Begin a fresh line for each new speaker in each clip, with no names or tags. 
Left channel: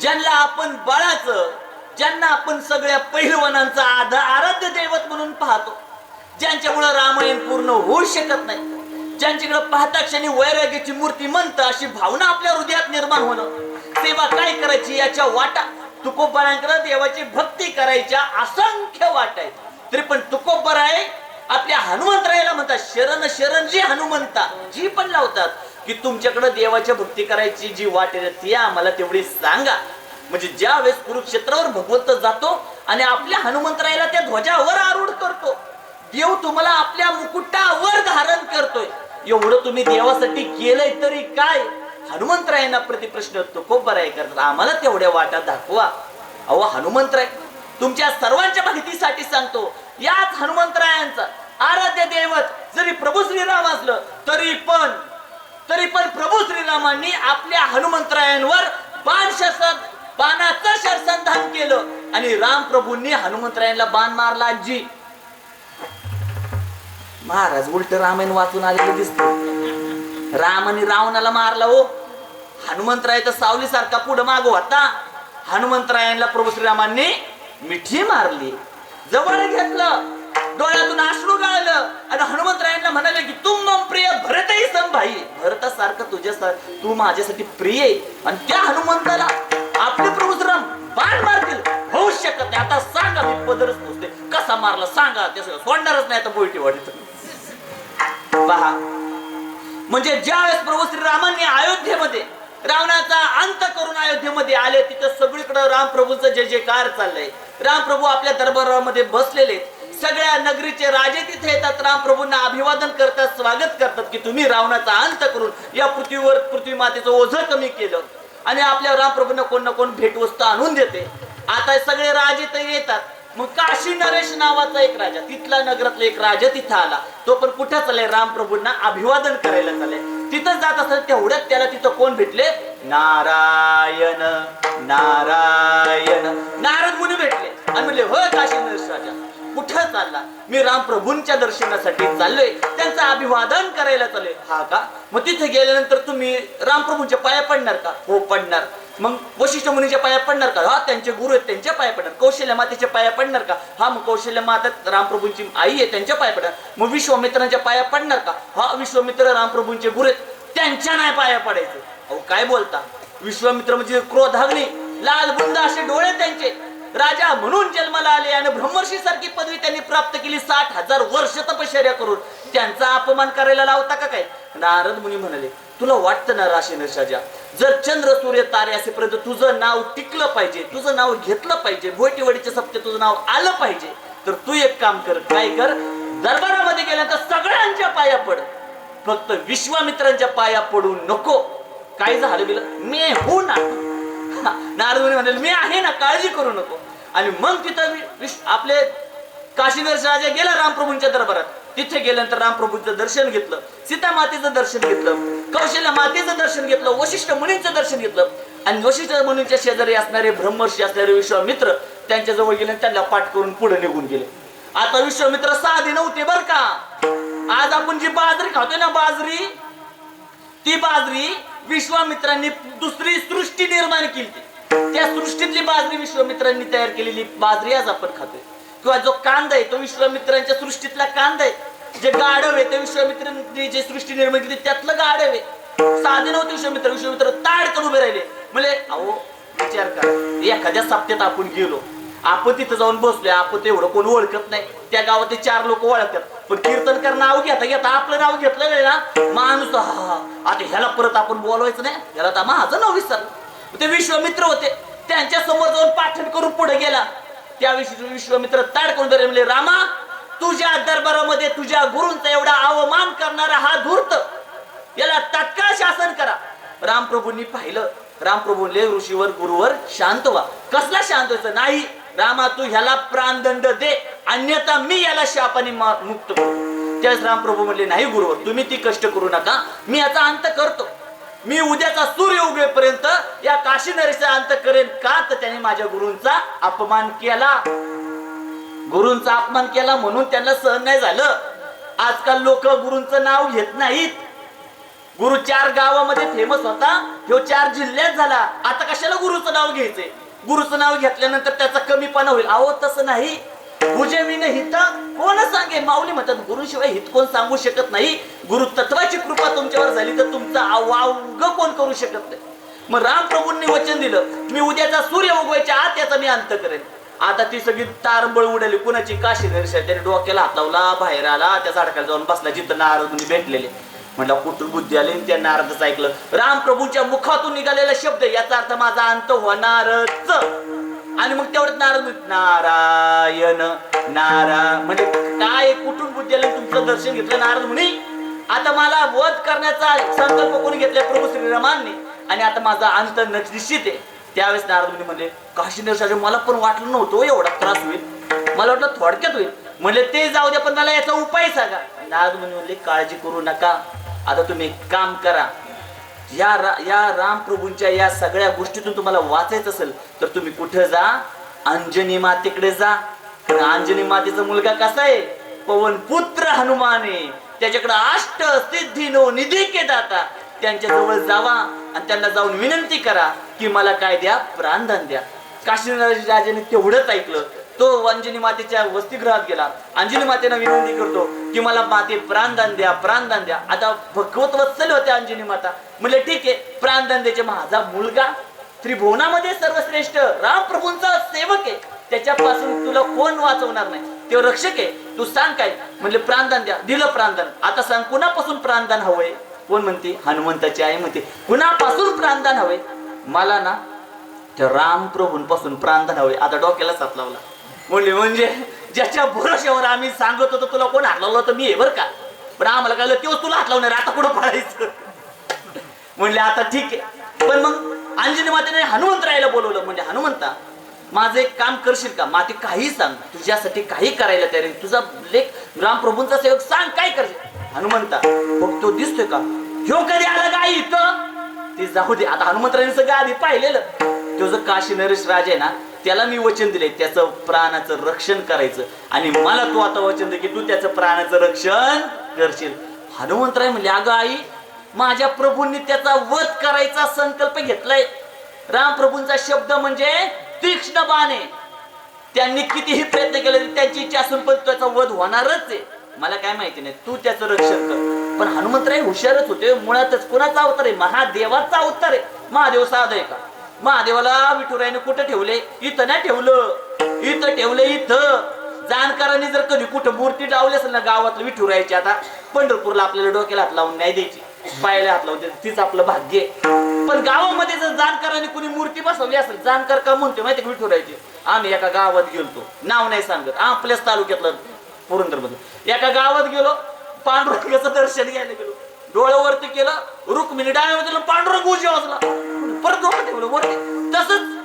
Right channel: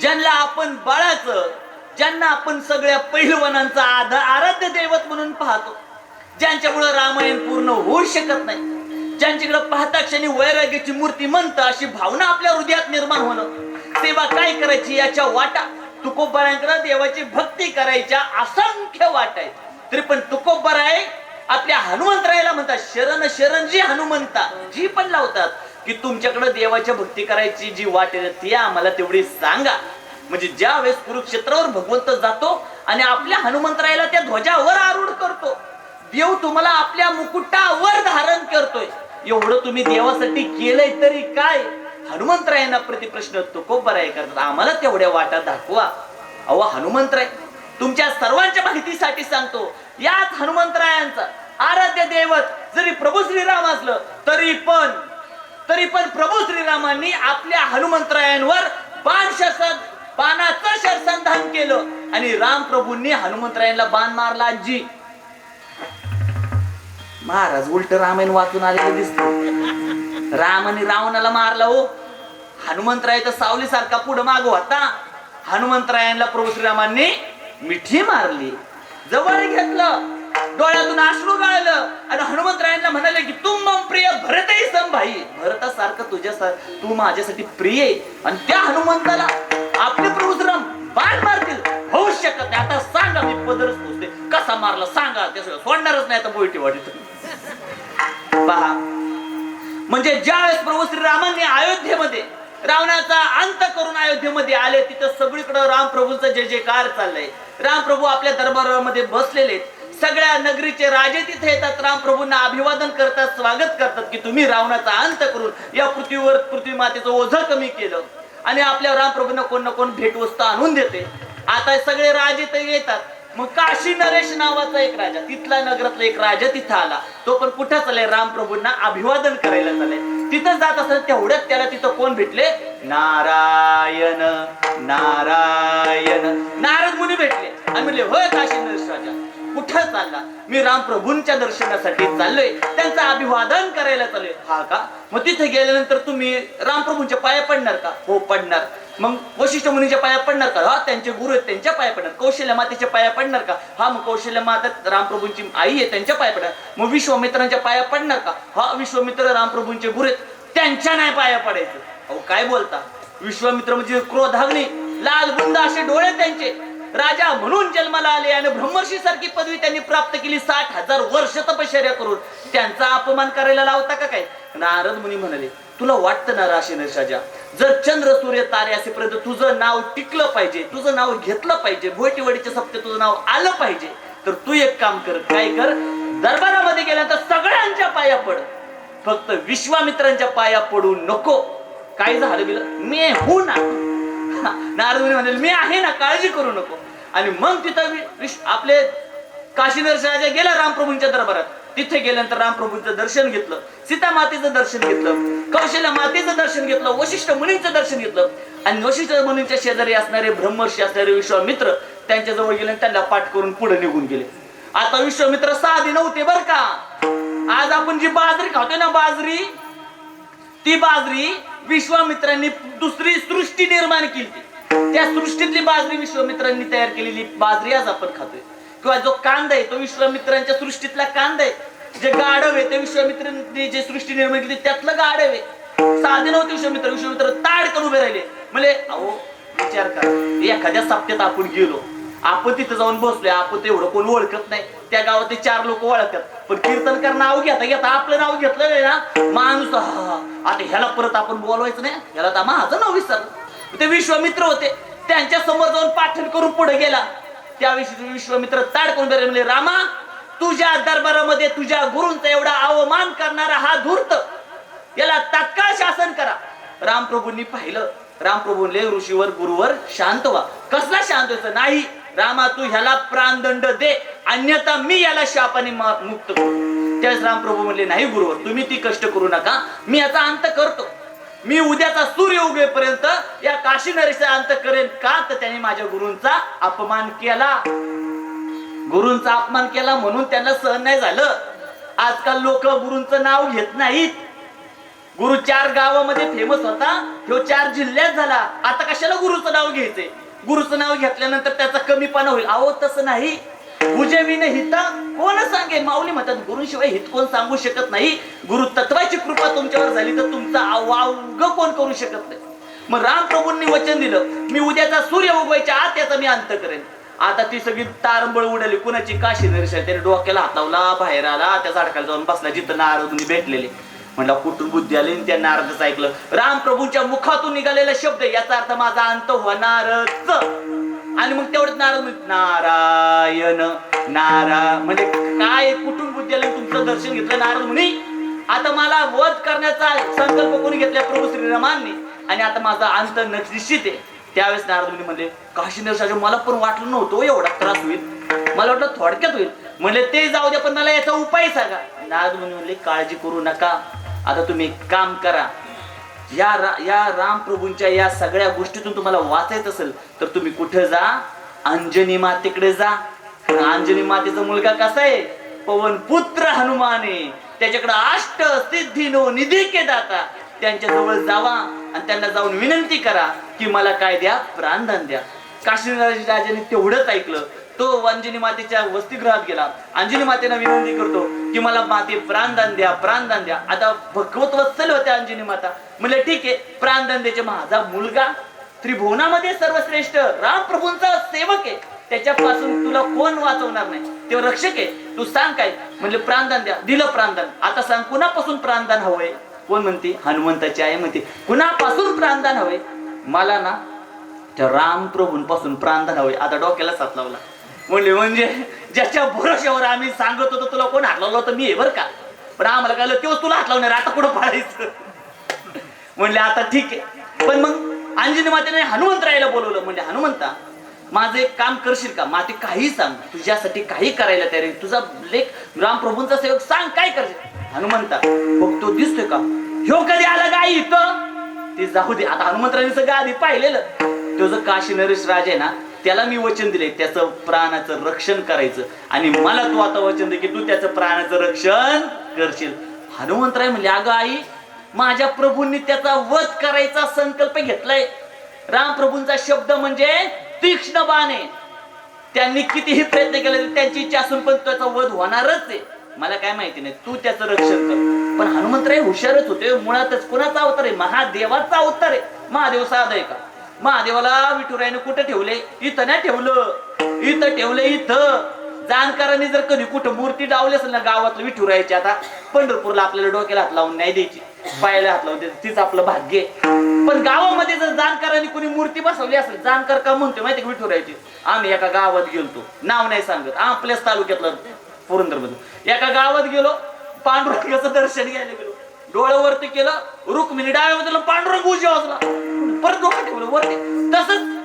ज्यांना आपण बाळाचं ज्यांना आपण सगळ्या पहिलवानांचा आध- आराध्य दैवत म्हणून पाहतो ज्यांच्यामुळे रामायण पूर्ण होऊ शकत नाही ज्यांच्याकडे पाहता क्षणी वैराग्याची मूर्ती म्हणत अशी भावना आपल्या हृदयात निर्माण होणं सेवा काय करायची याच्या वाटा तुकोबारांकडे देवाची भक्ती करायच्या असंख्य वाट आहे तरी पण तुकोबाराय आपल्या हनुमंतरायला म्हणतात शरण शरण जी हनुमंता जी पण लावतात की तुमच्याकडे देवाच्या भक्ती करायची जी वाट आहे ती आम्हाला तेवढी सांगा. म्हणजे ज्या वेळेस कुरुक्षेत्रावर भगवंत जातो आणि आपल्या हनुमंतरायला त्या ध्वजावर आरूढ करतो देव तुम्हाला आपल्या मुकुटावर धारण करतोय. एवढं तुम्ही देवासाठी केलंय तरी काय? हनुमंतरायांना प्रति प्रश्न तुकोबराय करतात. आम्हाला तेवढ्या वाटा दाखवा. अहो हनुमंतराय तुमच्या सर्वांच्या माहितीसाठी सांगतो. याच हनुमंतरायांचा आराध्य दैवत जरी प्रभू श्रीराम असलं तरी पण तरी पण प्रभू श्रीरामांनी आपल्या हनुमंतरायांवर बाण शस्त्र बाणाचं शरसंधान केलं. आणि राम प्रभूंनी हनुमंतरायांना बाण मारला आजी. महाराज उलट रामायण वाचून आलेले दिसत. राम आणि रावणाला मारला हो. हनुमंतराय तर सावली सारखा पुढे मागो होता. हनुमंतरायांना प्रभू श्रीरामांनी मिठी मारली. जवळ घेतलं. डोळ्यातून अश्रू गाळलं. आणि हनुमंतरायांना म्हणाले की तू मम प्रिय भरतही सम भाई. भरतासारखं तुझ्या तू माझ्यासाठी प्रिय आहे. आणि त्या हनुमंताला आपले प्रभू बाण मारतील. होऊ शकत नाही. आता सांगा मी पदरच पोचते कसा मारला सांगा. ते सगळं सोडणारच नाही आता बोलटी वाटत पहा. म्हणजे ज्यावेळेस प्रभू श्री रामाने अयोध्येमध्ये रावणाचा अंत करून अयोध्येमध्ये आले तिथं सगळीकडे रामप्रभूंचा जय जयकार चाललंय. रामप्रभू आपल्या दरबारामध्ये बसलेले आहेत. सगळ्या नगरीचे राजे तिथे येतात. रामप्रभूंना अभिवादन करतात स्वागत करतात की तुम्ही रावणाचा अंत करून या पृथ्वीवर पृथ्वी मातेचं ओझं कमी केलं. आणि आपल्या रामप्रभूंना कोण ना कोण भेटवस्तू आणून देते. आता सगळे राजे ते येतात. मग काशी नरेश नावाचा एक राजा तिथला नगरातला एक राजा तिथं आला. तो पण कुठं चाललाय? रामप्रभूंना अभिवादन करायला चाललाय. तिथं जात असताना तेवढ्यात त्याला तिथं कोण भेटले? नारायण नारायण. नारद मुनी भेटले. आणि म्हणले होय काशी नरेश राजा कुठं चालला? मी रामप्रभूंच्या दर्शनासाठी चाललोय. त्यांचं अभिवादन करायला चाललोय. हा का? मग तिथे गेल्यानंतर तुम्ही रामप्रभूंच्या पाया पडणार का? हो पडणार. मग वशिष्ठ मुनीच्या पाया पडणार का? हा त्यांचे गुरु आहेत त्यांच्या पाया पडणार. कौशल्य मातेच्या पाया पडणार का? हा मग कौशल्य माता रामप्रभूंची आई आहे त्यांच्या पाया पडणार. मग विश्वामित्रांच्या पाया पडणार का? हा विश्वामित्र रामप्रभूंचे गुरु आहेत त्यांच्या नाही पाया पडायचं. अहो काय बोलता? विश्वामित्र म्हणजे क्रोधाग्नी लाल बुंद असे डोळे त्यांचे. राजा म्हणून जन्माला आले आणि ब्रह्मर्षी सारखी पदवी त्यांनी प्राप्त केली. साठ हजार वर्ष तपश्चर्या करून. त्यांचा अपमान करायला लावता का काय? नारद मुनी म्हणाले तुला वाटतं ना राशी नशाजा जर चंद्र सूर्य तारे असेपर्यंत तुझं नाव टिकलं पाहिजे तुझं नाव घेतलं पाहिजे भोटीवडीच्या सप्ते तुझं नाव आलं पाहिजे तर तू एक काम कर काय कर? दरबारामध्ये गेल्यानंतर सगळ्यांच्या पाया पड. फक्त विश्वामित्रांच्या पाया पडू नको. काय झालं बिलं? मी हो ना. नारद म्हणजे मी आहे ना काळजी करू नको. आणि मग तिथं आपले काशीनरस राजा गेला रामप्रभूंच्या दरबारात. तिथे गेल्यानंतर रामप्रभूंचं दर्शन घेतलं सीता मातेचं दर्शन घेतलं कौशल्य मातेचं दर्शन घेतलं वशिष्ठ मुनींचं दर्शन घेतलं. आणि वशिष्ठ मुनींच्या शेजारी असणारे ब्रह्मर्षी असणारे विश्वामित्र त्यांच्या जवळ गेले त्यांना पाठ करून पुढे निघून गेले. आता विश्वामित्र साधे नव्हते बर का. आज आपण जी बाजरी खातोय ना बाजरी ती बाजरी विश्वामित्रांनी दुसरी सृष्टी निर्माण केली. त्या सृष्टीतली बाजरी विश्वामित्रांनी तयार केलेली बाजरी आज आपण खातोय. किंवा जो कांदा आहे तो विश्वामित्रांच्या सृष्टीतला कांदा आहे. जे गाढव आहे ते विश्वामित्रांनी जे सृष्टी निर्माण केली त्यातलं गाढव आहे. साधे नव्हते विश्वामित्र. विश्वामित्र करून उभे राहिले. म्हणजे अहो विचार करा. एखाद्या साप्त्यात आपण गेलो आपण तिथं जाऊन बसलोय आपण ते एवढं कोण ओळखत नाही. त्या गावात ते चार लोक ओळखतात. पण कीर्तन कर नाव घेता घेता आपलं नाव घेतलेलं आहे ना. माणूस हा, आता ह्याला परत आपण बोलवायचं नाही. ह्याला तर माझं नाव विसरलं. ते विश्वामित्र होते. त्यांच्यासमोर जाऊन पाठण करून पुढे गेला. त्या विश्वमित्र विश्वामित्र ताडकून म्हणले रामा तुझ्या दरबारामध्ये तुझ्या गुरूंचा एवढा अवमान करणारा हा धूर्त. याला तात्काळ शासन करा. रामप्रभूंनी पाहिलं. रामप्रभूंले ऋषीवर गुरुवर शांत व्हा. कसला शांत व्हायचं? नाही. रामा तू ह्याला प्राणदंड दे. अन्यथा मी याला शापाने मुक्त करू. त्यावेळेस रामप्रभू म्हणले नाही गुरु तुम्ही ती कष्ट करू नका. मी याचा अंत करतो. मी उद्याचा सूर्य उगेपर्यंत या काशी नरेचा अंत करेन का तर त्याने माझ्या गुरूंचा अपमान केला. गुरूंचा अपमान केला म्हणून त्यांना सहन नाही झालं. आजकाल लोक गुरूंचं नाव घेत नाहीत. गुरु चार गावामध्ये फेमस होता. ह्यो चार जिल्ह्यात झाला. आता कशाला गुरुचं नाव घ्यायचंय? गुरुचं नाव घेतल्यानंतर त्याचा कमीपणा होईल. अहो तसं नाही. भुजविन हित कोण सांगे माऊली म्हणतात गुरुशिवाय हित कोण सांगू शकत नाही? गुरु तत्वाची कृपा तुमच्यावर झाली तर तुमचा अवाग कोण करू शकत नाही? मग रामप्रभूंनी वचन दिलं मी उद्याचा सूर्य उगवायच्या आत याचा मी अंत करेन. आता ती सगळी तारंबळ उडाली. कुणाची काशी नरशा त्याने डोक्याला हातावला बाहेर आला त्या झाडकाला जाऊन बसला. जिथं नारद भेटलेले. म्हणला कुठून बुद्धी आली? आणि त्या नारदच ऐकलं रामप्रभूंच्या मुखातून निघालेला शब्द याचा अर्थ माझा अंत होणारच. आणि मग तेवढंच नारद नारायण नारा म्हणजे काय कुठून बुद्धी आली? तुमचं दर्शन घेतलं नारद म्हणे आता मला वध करण्याचा संकल्प कोणी घेतला? प्रभू श्रीरामांनी. आणि आता माझा अंत निश्चित आहे. त्यावेळेस नारद मुनी म्हणले काशी मला पण वाटलं नव्हतं हो, एवढा त्रास होईल. मला वाटलं थोडक्यात होईल. म्हणले ते जाऊ दे पण मला याचा उपाय सांगा. नारद मुनी म्हणले काळजी करू नका. आता तुम्ही काम करा. या रा, या रामप्रभूंच्या या सगळ्या गोष्टीतून तुम्हाला वाचायचं असेल तर तुम्ही कुठे जा? अंजनी मातेकडे जा. अंजनी मातेचा मुलगा कसा आहे? पवन पुत्र हनुमान आहे. त्याच्याकडे अष्ट सिद्धी नो निधी के दाता. त्यांच्या जवळ जावा आणि त्यांना जाऊन विनंती करा की मला काय द्या प्राणदान द्या. काशीनाथ राजाने तेवढंच ऐकलं. तो अंजनी मातेच्या वसतिगृहात गेला. अंजनी मातेला विनंती करतो की मला माते प्राणदान द्या प्राणदान द्या. आता भगवत वत्सल होते अंजनी माता. म्हणजे ठीक आहे प्राणदान द्यायचे. माझा मुलगा त्रिभुवनामध्ये सर्वश्रेष्ठ रामप्रभूंचा सेवक आहे. त्याच्यापासून तुला कोण वाचवणार नाही? तो रक्षक आहे. तू सांग काय? म्हणले प्राणदान द्या. दिलं प्राणदान. आता सांग कुणापासून प्राणदान हवंय? कोण म्हणते? हनुमंताची आई म्हणते कुणापासून प्राणदान हवंय? मला ना त्या रामप्रभूंपासून प्राणदान हवे आता डोक्याला साप लावला. म्हणले म्हणजे ज्याच्या भरोश्यावर आम्ही सांगत होतो तुला कोण हात लावलं होतं? मी हे बरं का. पण आम्हाला कळलं तेव्हा तुला हात लावणार आता कुठं पळायचं? म्हणले आता ठीक आहे. पण मग अंजनी मातेने हनुमंतरायला बोलवलं. म्हणजे हनुमंता माझं एक काम करशील का? माते काही सांग. तुझ्यासाठी काही करायला तयार आहे. तुझा लेख रामप्रभूंचा सेवक सांग काय करशील? हनुमंता मग तो दिसतोय का? ह्यो कधी आला का इथं? ते जाऊ दे. आता हनुमंतरांनी सगळं आधी पाहिलेलं. तो जो काशी नरेश राजा आहे ना त्याला मी वचन दिले त्याचं प्राणाचं रक्षण करायचं. आणि मला तू आता वचन दे की तू त्याचं प्राणाचं रक्षण करशील. हनुमंतराय म्हणले अगं आई माझ्या प्रभूंनी त्याचा वध करायचा संकल्प घेतलाय. रामप्रभूंचा शब्द म्हणजे तीक्ष्ण बाण. आहे त्यांनी कितीही प्रयत्न केले त्यांची इच्छा असून पण त्याचा वध होणारच आहे. मला काय माहिती नाही तू त्याचं रक्षण कर. पण हनुमंतराय हुशारच होते मुळातच कुणाचा अवतार आहे? महादेवाचा अवतार आहे. महादेव साध आहे का? महादेवाला विठुरायाने कुठे ठेवले? इथं नाही ठेवलं. इथं ठेवलं इथं. जाणकारांनी जर कधी कुठं मूर्ती डावली असेल ना गावातलं विठुरायाची आता पंढरपूरला आपल्याला डोक्याला हात लावून नाही द्यायची. पायाला हात लावून तीच आपलं भाग्य पण गावामध्ये जर जाणकारांनी कुणी मूर्ती बसवली असेल जाणकार का म्हणतो माहिती का विठुरायाची? आम्ही एका गावात गेलतो. नाव नाही सांगत. आपल्याच तालुक्यातलं पुरंदरमध्ये एका गावात गेलो पांडुरंगाचं दर्शन घ्यायला गेलो. डोळं वरती केलं रुक्मिणी डाव्या बाजूला पांडुरंग उजव्या वाजला. परत डोळं ठेवलं वरती. तसंच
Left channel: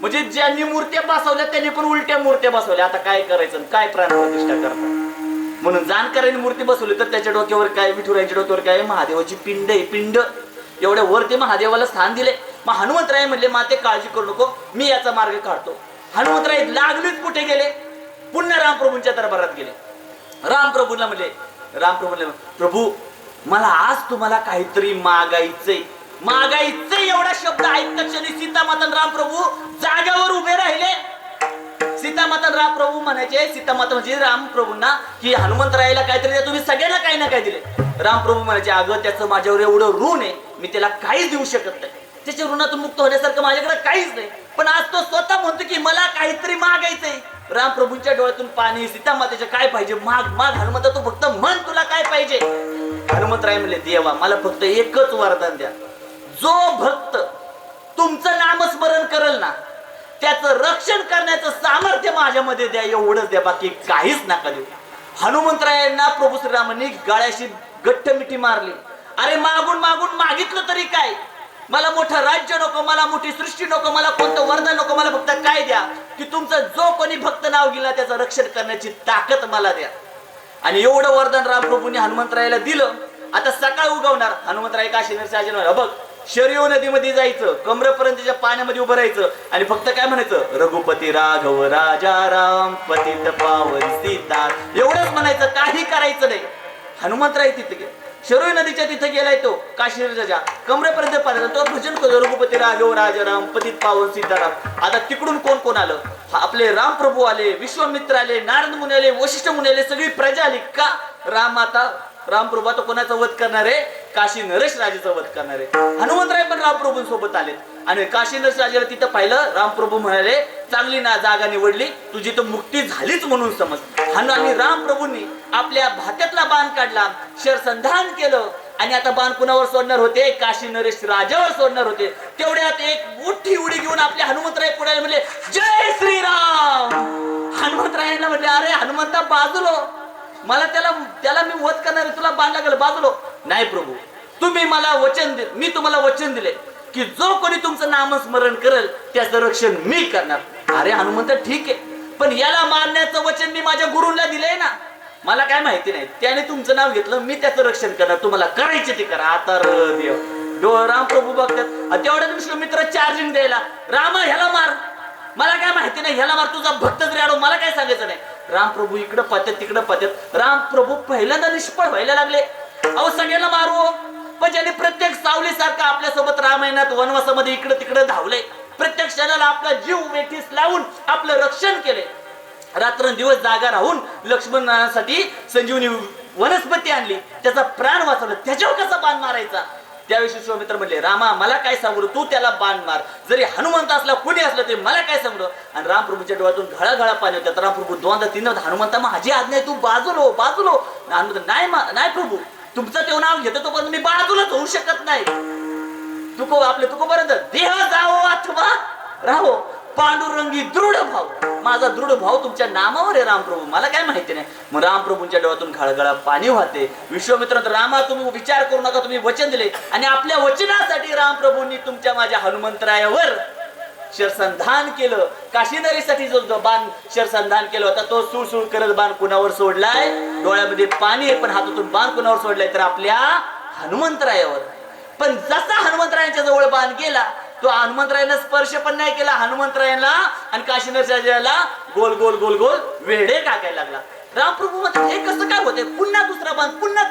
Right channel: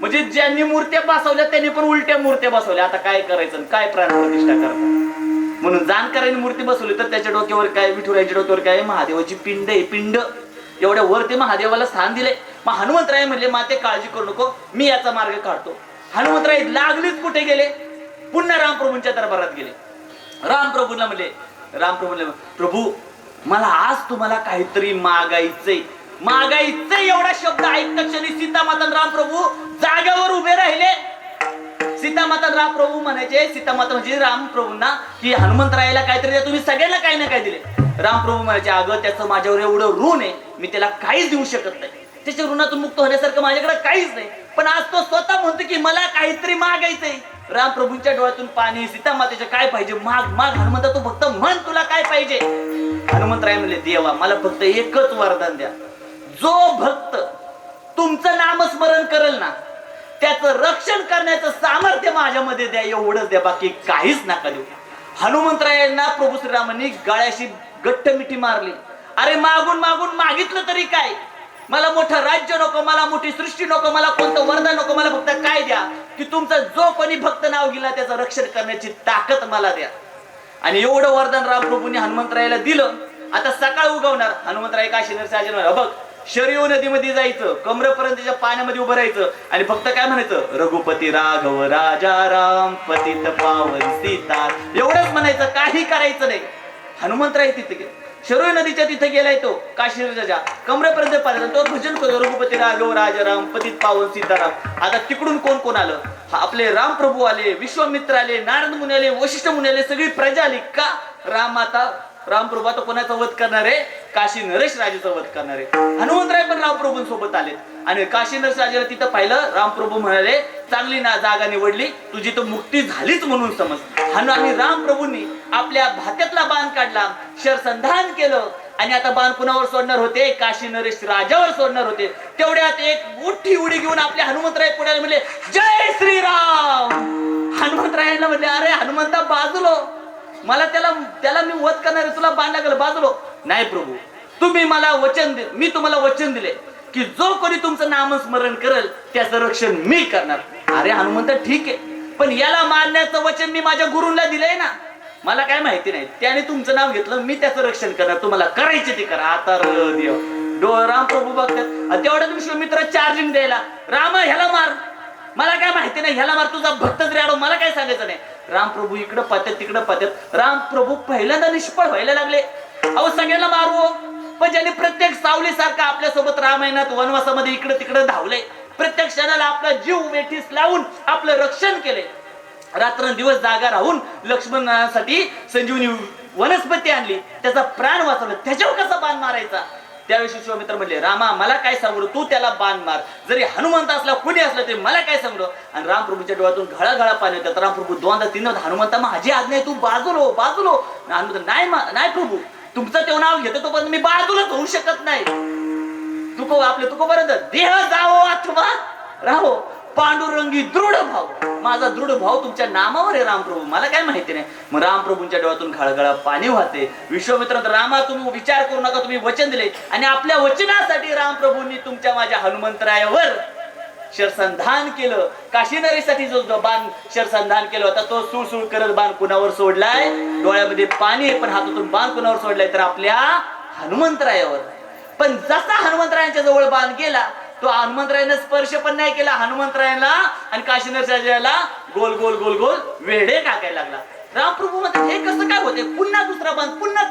म्हणजे ज्यांनी मूर्त्या बसवल्या त्यांनी पण उलट्या मूर्त्या बसवल्या. आता काय करायचं काय काय प्राणप्रतिष्ठा करतात? म्हणून जाणकारांनी मूर्ती बसवली तर त्याच्या डोक्यावर काय विठुरायच्या डोक्यावर काय? महादेवाची पिंड आहे पिंड. एवढ्या वरती महादेवाला स्थान दिले मग हनुमंतराय म्हणले माते काळजी करू नको मी याचा मार्ग काढतो. हनुमंतराय लागलीच कुठे गेले? पुन्हा रामप्रभूंच्या दरबारात गेले. रामप्रभूंना म्हणले रामप्रभूंना प्रभू मला आज तुम्हाला काहीतरी मागायचंय. मागायचंय एवढा शब्द ऐकता क्षणी सीतामातन आणि रामप्रभू जाग्यावर उभे राहिले. सीतामातन राम रामप्रभू म्हणायचे सीतामाता म्हणजे रामप्रभूंना की हनुमंतरायला काहीतरी द्या तुम्ही सगळ्यांना काही ना काही दिले. रामप्रभू म्हणायचे अगं त्याचं माझ्यावर एवढं ऋण आहे मी त्याला काहीच देऊ शकत नाही. त्याच्या ऋणातून मुक्त होण्यासारखं माझ्याकडे काहीच नाही. पण आज तो स्वतः म्हणतो की मला काहीतरी मागायचंय. रामप्रभूंच्या डोळ्यातून पाणी सीतामातेचं काय पाहिजे? माग माग हनुमंता तू फक्त म्हण तुला काय पाहिजे. हनुमंतराय म्हणले देवा मला फक्त एकच वरदान द्या. जो भक्त तुमचं नामस्मरण करेल ना त्याचं रक्षण करण्याचं सामर्थ्य माझ्यामध्ये द्या एवढंच द्या बाकी काहीच नका देऊ. हनुमंतरायांना प्रभू श्रीरामांनी गाळ्याशी गट्ट मिठी मारली. अरे मागून मागून मागितलं तरी काय? मला मोठं राज्य नको मला मोठी सृष्टी नको मला कोणतं वरदान नको मला फक्त काय द्या? की तुमचं जो कोणी भक्त नाव गेला त्याचं रक्षण करण्याची ताकद मला द्या. आणि एवढं वरदान रामप्रभूंनी हनुमंतरायाला दिलं. आता सकाळ उगवणार. हनुमंतराय काशीनर साजन बघ शरीव नदीमध्ये जायचं कमरेपर्यंतच्या पाण्यामध्ये उभं राहायचं आणि फक्त काय म्हणायचं? रघुपती राघव राजा राम पतित पावन सीता. एवढंच म्हणायचं काही करायचं नाही. हनुमंतराय तिथे शरोई नदीच्या तिथे गेलाय तो काश्मीरच्या कमरेपर्यंत पाहिला तो भजन करतो रघुपती राघव राजाराम पतित पावन सीताराम. आता तिकडून कोण कोण आलं? आपले रामप्रभू आले विश्वामित्र आले नारद मुनी आले वशिष्ठ मुनी आले सगळी प्रजा आली. का? राम आता रामप्रभू आता कोणाचा वध करणार आहे? काशी नरेश राजेचा वध करणार आहे. हनुमंतराय पण रामप्रभूंसोबत आलेत. आणि काशी नरेश राजेला तिथं पाहिलं रामप्रभू म्हणाले चांगली ना जागा निवडली तुझी तर मुक्ती झालीच म्हणून समज हनु आणि रामप्रभूंनी आपल्या भात्यातला बाण काढला शरसंधान केलं. आणि आता बाण कुणावर सोडणार होते? काशी नरेश राजावर सोडणार होते. तेवढ्यात एक मोठी उडी घेऊन आपले हनुमंतराय पुण्याला म्हणले जय श्रीराम! हनुमंतरायांना म्हणले अरे हनुमंता बाजूलो. मला त्याला त्याला मी वध करणार तुला बाण लागेल बाजूलो. नाही प्रभू तुम्ही मला वचन दिल मी तुम्हाला वचन दिले की जो कोणी तुमचं नामस्मरण करेल त्याचं रक्षण मी करणार. अरे हनुमंत ठीक आहे. पण याला मारण्याचं वचन मी माझ्या गुरुला दिलंय ना. मला काय माहिती नाही. त्याने तुमचं नाव घेतलं मी त्याचं रक्षण करणार. तुम्हाला करायचे ते करा. आता देव डो राम प्रभू बघतात. तेवढ्या तुमचे मित्र चार्जिंग द्यायला राम ह्याला मार. मला काय माहिती नाही ह्याला मार. तुझा भक्त रेडो मला काय सांगायचं नाही. रामप्रभू इकडं पाहतात तिकडं पाहतात. रामप्रभू पहिल्यांदा निष्फळ व्हायला लागले. अहो सगळ्याला मारू हो. पण ज्याने प्रत्येक सावली सारखा आपल्यासोबत रामायणात वनवासामध्ये इकडे तिकडे धावले प्रत्येक क्षणाला आपला जीव वेठीस लावून आपलं रक्षण केले. रात्रंदिवस जागा राहून लक्ष्मणासाठी संजीवनी वनस्पती आणली. त्याचा प्राण वाचवला. त्याच्यावर कसा बाण मारायचा? त्याविषयी विश्वामित्र म्हणले रामा मला काय सांगू? तू त्याला बाण मार. जरी हनुमंत असला कुणी असला तरी मला काय सांगू? आणि रामप्रभूच्या डोळ्यातून घळा घळा पाणी होतात रामप्रभू दोनदा तीनदा हनुमंता माझी आज्ञा आहे तू बाजूलो हो, बाजूलो हो. हनुमंत नाही नाही प्रभू. तुमचं तेव्हा नाव घेतो तोपर्यंत मी बाजूलाच होऊ शकत नाही. तुको आपले तुको पर्यंत देह जावो अथवा राहो. पांडुरंगी दृढ भाव. माझा दृढ भाव तुमच्या नामावर आहे रामप्रभू. मला काय माहिती नाही. मग रामप्रभूंच्या डोळ्यातून खळगळा पाणी वाहते. विश्वमित्र रामा तुम्ही विचार करू नका तुम्ही वचन दिले. आणि आपल्या वचनासाठी रामप्रभूंनी तुमच्या माझ्या हनुमंतरायावर शरसंधान केलं. काशीनरीसाठी जो बाण शरसंधान केलं होता तो सुळसुळ करत बाण कुणावर सोडलाय? डोळ्यामध्ये पाणी पण हातातून बाण कुणावर सोडलाय? तर आपल्या हनुमंतरायावर. पण जसा हनुमंतरायांच्या जवळ बाण गेला तो हनुमंतरायानं स्पर्श पण नाही केला हनुमंतरायाला आणि काशीनरच्या गोल गोल गोल गोल वेढे टाकायला लागला. रामप्रभू म्हणतात हे कसं काय होते पुन्हा दुसरा बाण पुन्हा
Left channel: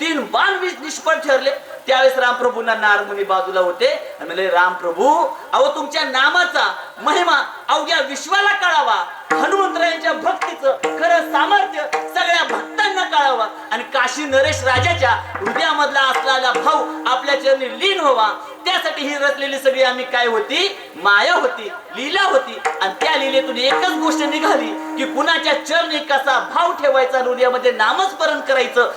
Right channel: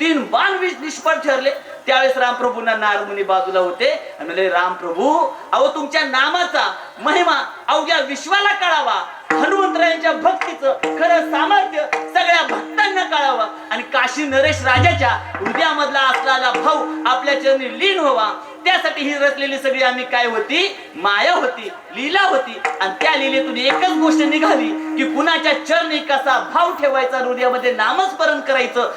तीन बाण विष- निष्फळ ठरले. त्यावेळेस रामप्रभूंना नारमुनी बाजूला होते. आणि म्हणले रामप्रभू अहो तुमच्या नामाचा महिमा अवघ्या विश्वाला कळावा. हनुमंतरायांच्या भक्तीचं खरं सामर्थ्य सगळ्या भक्तांना कळावं. आणि काशी नरेश राजाच्या हृदयामधला असलेला भाऊ आपल्या चरणी लीन व्हावा. त्यासाठी ही रचलेली सगळी आम्ही काय होती? माया होती लीला होती. आणि त्या लीलेतून एकच गोष्ट निघाली की कुणाच्या चरणी कसा भाव ठेवायचा हृदयामध्ये नामस्मरण करायचं